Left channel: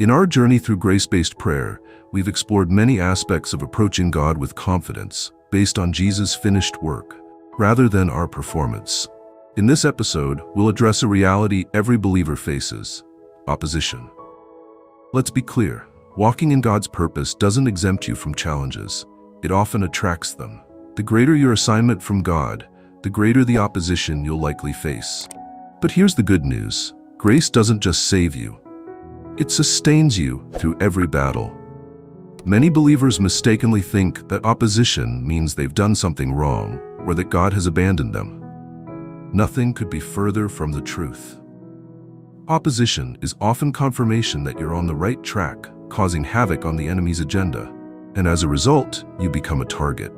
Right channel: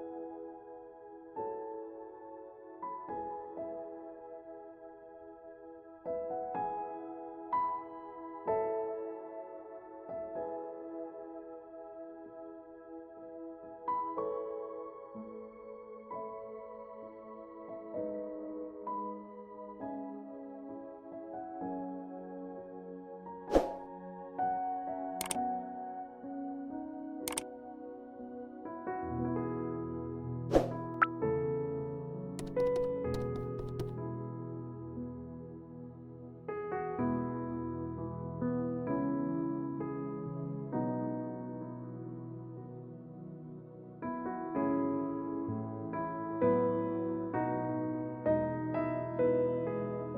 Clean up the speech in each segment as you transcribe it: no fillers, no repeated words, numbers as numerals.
In our journey through grace-based prayer, we've explored many aspects of approaching God with confidence, based on Jesus' finished work, rather than our performance. In this episode, we'll address a reality every believer faces: opposition. Let's be clear, walking in God's purpose doesn't exempt you from challenges. It often attracts them. The greater your assignment from God, the greater the opposition you'll likely face. But here's the good news: grace doesn't just save you, it sustains you through every battle. Many believers mistakenly think that opposition means they've done something wrong or that God has abandoned them. Nothing could be further from the truth. Opposition is often confirmation that you're on the right track, causing havoc on the enemy's agenda, and as a result, you become a target.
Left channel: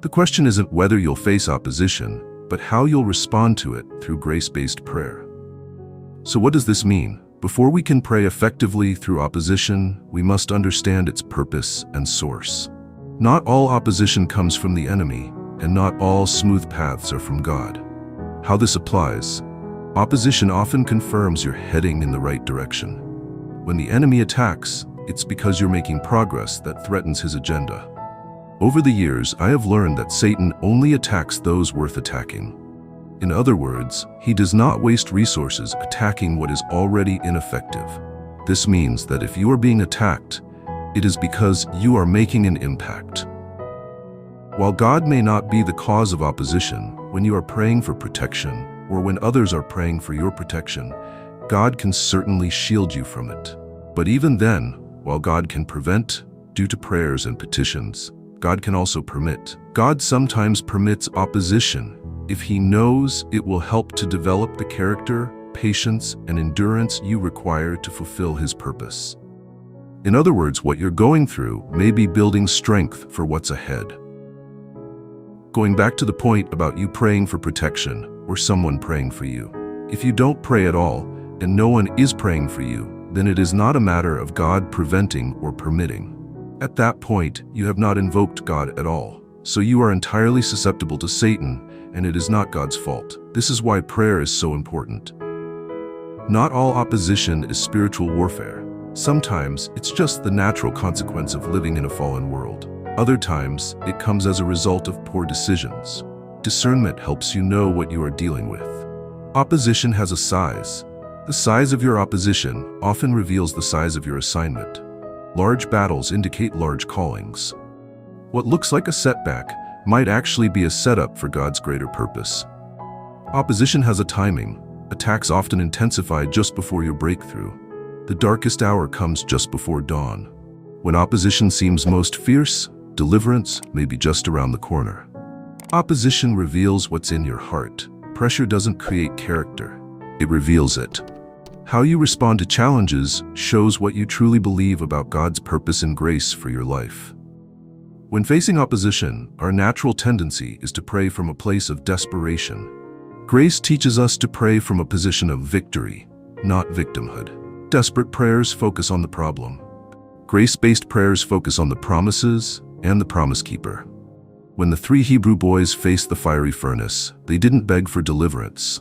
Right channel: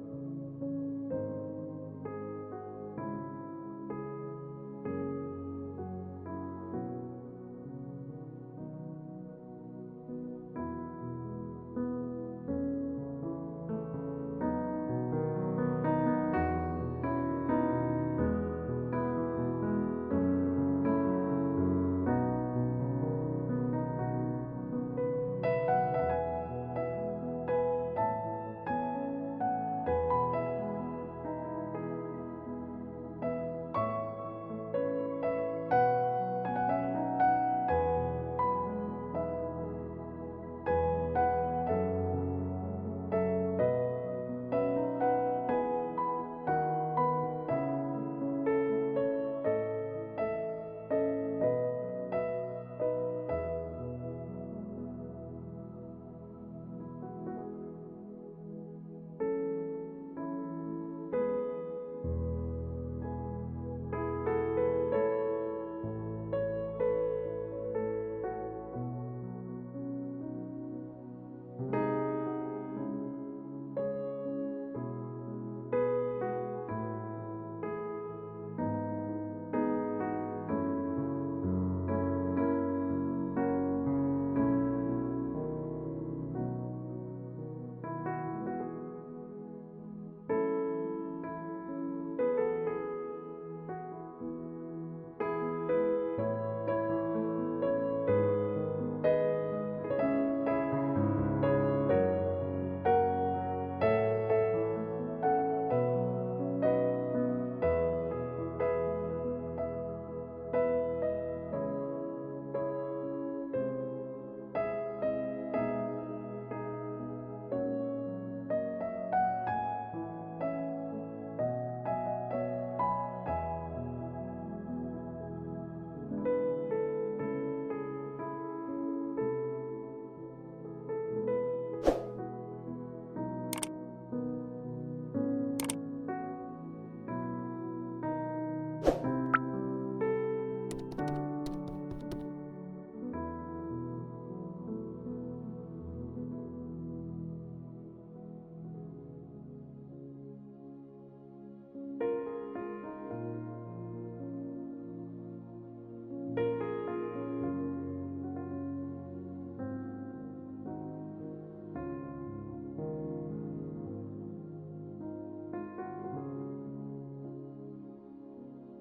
The question isn't whether you'll face opposition, but how you'll respond to it through grace-based prayer. So what does this mean? Before we can pray effectively through opposition, we must understand its purpose and source. Not all opposition comes from the enemy, and not all smooth paths are from God. How this applies: opposition often confirms you're heading in the right direction. When the enemy attacks, it's because you're making progress that threatens his agenda. Over the years, I have learned that Satan only attacks those worth attacking. In other words, he does not waste resources attacking what is already ineffective. This means that if you are being attacked, it is because you are making an impact. While God may not be the cause of opposition, when you are praying for protection, or when others are praying for your protection, God can certainly shield you from it. But even then, while God can prevent, due to prayers and petitions, God can also permit. God sometimes permits opposition if He knows it will help to develop the character, patience, and endurance you require to fulfill His purpose. In other words, what you're going through may be building strength for what's ahead. Going back to the point about you praying for protection or someone praying for you. If you don't pray at all and no one is praying for you, then it is not a matter of God preventing or permitting. At that point, you have not invoked God at all. So you are entirely susceptible to Satan, and it is not God's fault. This is why prayer is so important. Not all opposition is spiritual warfare. Sometimes it's just the natural consequence of living in a fallen world. Other times, it comes as a result of poor decisions. Discernment helps you know what you are dealing with. Opposition has a size. The size of your opposition often reveals the size of your assignment. Large battles indicate large callings. What looks like a setback might actually be a setup for God's greater purpose. Opposition has a timing. Attacks often intensify just before your breakthrough. The darkest hour comes just before dawn. When opposition seems most fierce, deliverance may be just around the corner. Opposition reveals what's in your heart. Pressure doesn't create character, it reveals it. How you respond to challenges shows what you truly believe about God's purpose and grace for your life. When facing opposition, our natural tendency is to pray from a place of desperation. Grace teaches us to pray from a position of victory, not victimhood. Desperate prayers focus on the problem. Grace-based prayers focus on the promises and the promise keeper. When the 3 Hebrew boys faced the fiery furnace, they didn't beg for deliverance.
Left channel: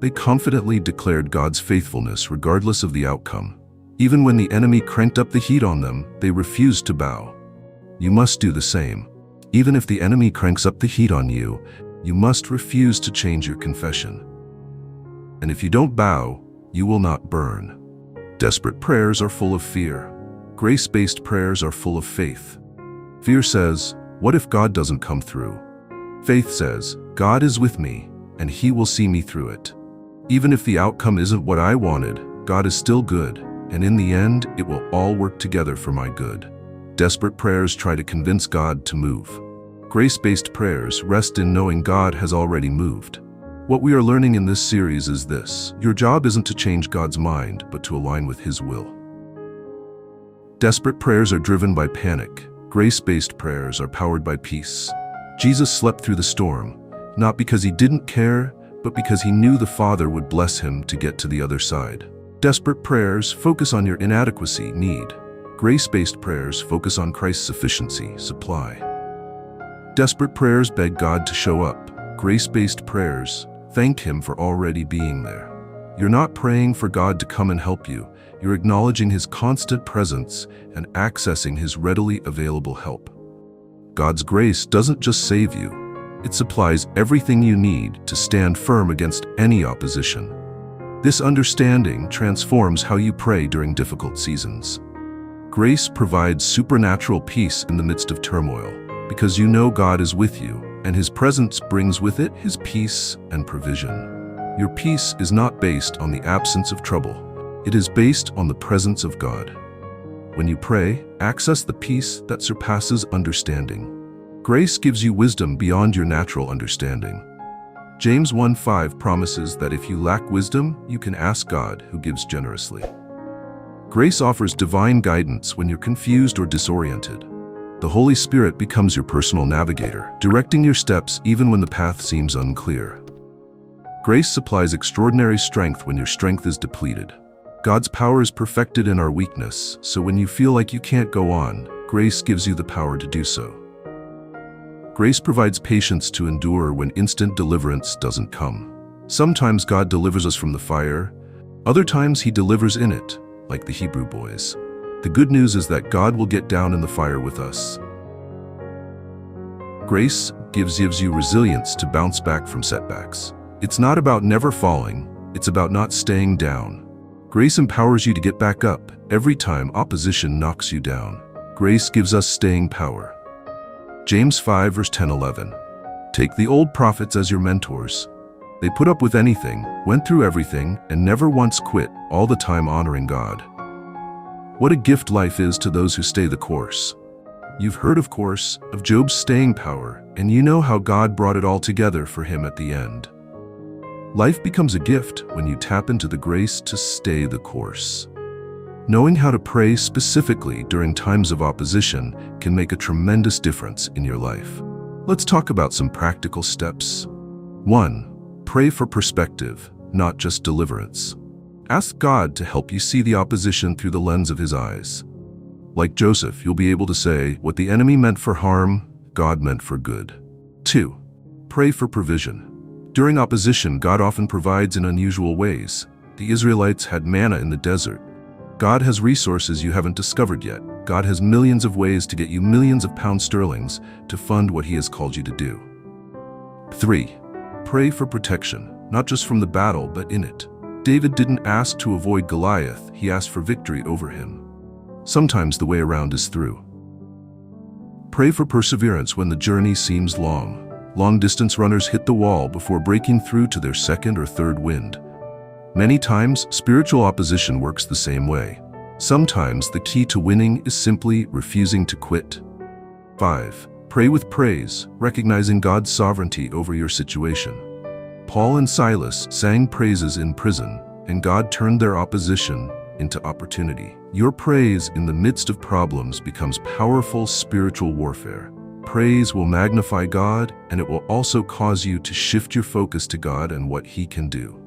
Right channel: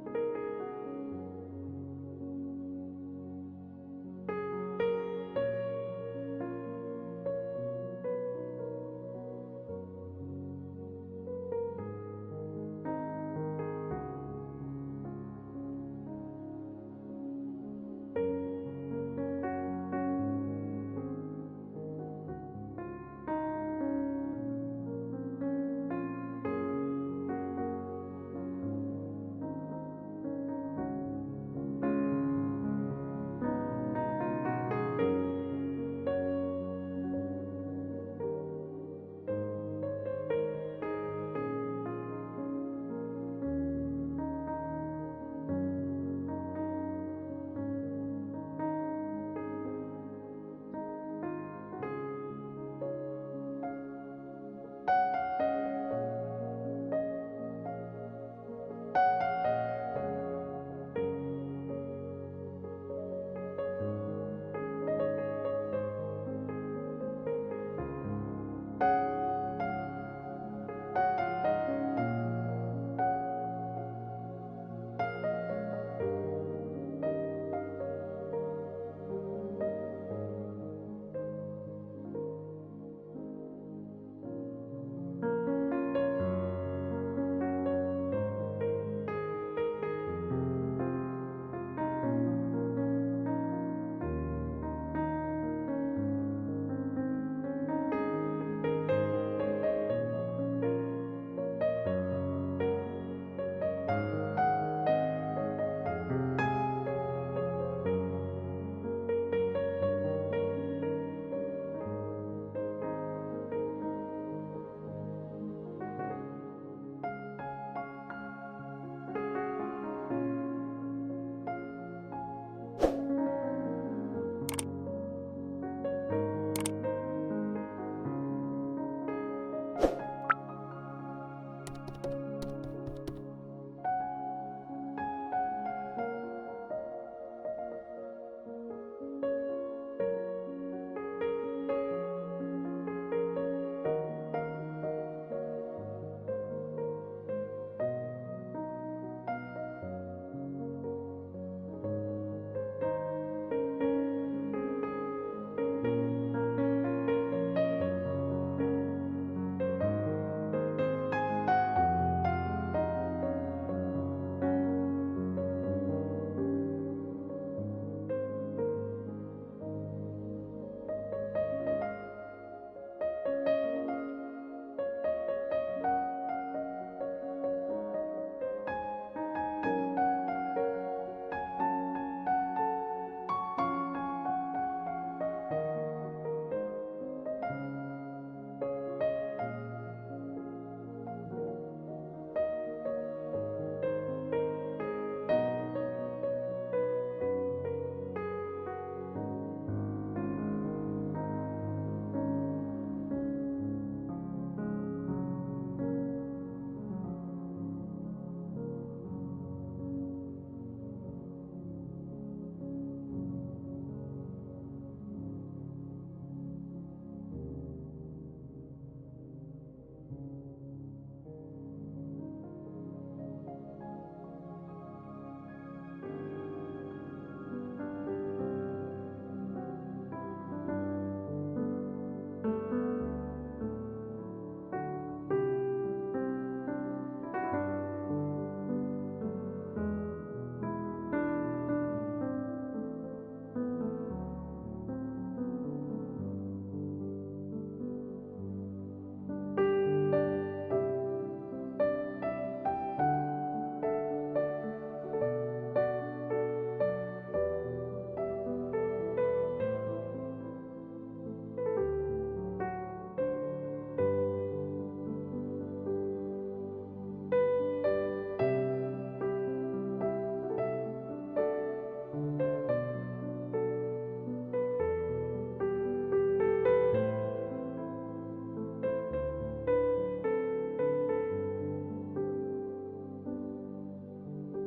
They confidently declared God's faithfulness regardless of the outcome. Even when the enemy cranked up the heat on them, they refused to bow. You must do the same. Even if the enemy cranks up the heat on you, you must refuse to change your confession. And if you don't bow, you will not burn. Desperate prayers are full of fear. Grace-based prayers are full of faith. Fear says, "What if God doesn't come through?" Faith says, "God is with me, and He will see me through it. Even if the outcome isn't what I wanted, God is still good, and in the end, it will all work together for my good." Desperate prayers try to convince God to move. Grace-based prayers rest in knowing God has already moved. What we are learning in this series is this: your job isn't to change God's mind, but to align with His will. Desperate prayers are driven by panic. Grace-based prayers are powered by peace. Jesus slept through the storm, not because He didn't care, but because He knew the Father would bless Him to get to the other side. Desperate prayers focus on your inadequacy, need. Grace-based prayers focus on Christ's sufficiency, supply. Desperate prayers beg God to show up. Grace-based prayers thank Him for already being there. You're not praying for God to come and help you. You're acknowledging His constant presence and accessing His readily available help. God's grace doesn't just save you. It supplies everything you need to stand firm against any opposition. This understanding transforms how you pray during difficult seasons. Grace provides supernatural peace in the midst of turmoil, because you know God is with you, and His presence brings with it His peace and provision. Your peace is not based on the absence of trouble. It is based on the presence of God. When you pray, access the peace that surpasses understanding. Grace gives you wisdom beyond your natural understanding. James 1:5 promises that if you lack wisdom, you can ask God, who gives generously. Grace offers divine guidance when you're confused or disoriented. The Holy Spirit becomes your personal navigator, directing your steps even when the path seems unclear. Grace supplies extraordinary strength when your strength is depleted. God's power is perfected in our weakness, so when you feel like you can't go on, grace gives you the power to do so. Grace provides patience to endure when instant deliverance doesn't come. Sometimes God delivers us from the fire, other times He delivers in it, like the Hebrew boys. The good news is that God will get down in the fire with us. Grace gives you resilience to bounce back from setbacks. It's not about never falling, it's about not staying down. Grace empowers you to get back up every time opposition knocks you down. Grace gives us staying power. James 5 verse 10-11. Take the old prophets as your mentors. They put up with anything, went through everything, and never once quit, all the time honoring God. What a gift life is to those who stay the course. You've heard, of course, of Job's staying power, and you know how God brought it all together for him at the end. Life becomes a gift when you tap into the grace to stay the course. Knowing how to pray specifically during times of opposition can make a tremendous difference in your life. Let's talk about some practical steps. 1. Pray for perspective, not just deliverance. Ask God to help you see the opposition through the lens of His eyes. Like Joseph, you'll be able to say, what the enemy meant for harm, God meant for good. 2. Pray for provision. During opposition, God often provides in unusual ways. The Israelites had manna in the desert. God has resources you haven't discovered yet. God has millions of ways to get you millions of pound sterlings to fund what He has called you to do. 3. Pray for protection, not just from the battle, but in it. David didn't ask to avoid Goliath, he asked for victory over him. Sometimes the way around is through. Pray for perseverance when the journey seems long. Long-distance runners hit the wall before breaking through to their second or third wind. Many times, spiritual opposition works the same way. Sometimes the key to winning is simply refusing to quit. 5. Pray with praise, recognizing God's sovereignty over your situation. Paul and Silas sang praises in prison, and God turned their opposition into opportunity. Your praise in the midst of problems becomes powerful spiritual warfare. Praise will magnify God, and it will also cause you to shift your focus to God and what He can do.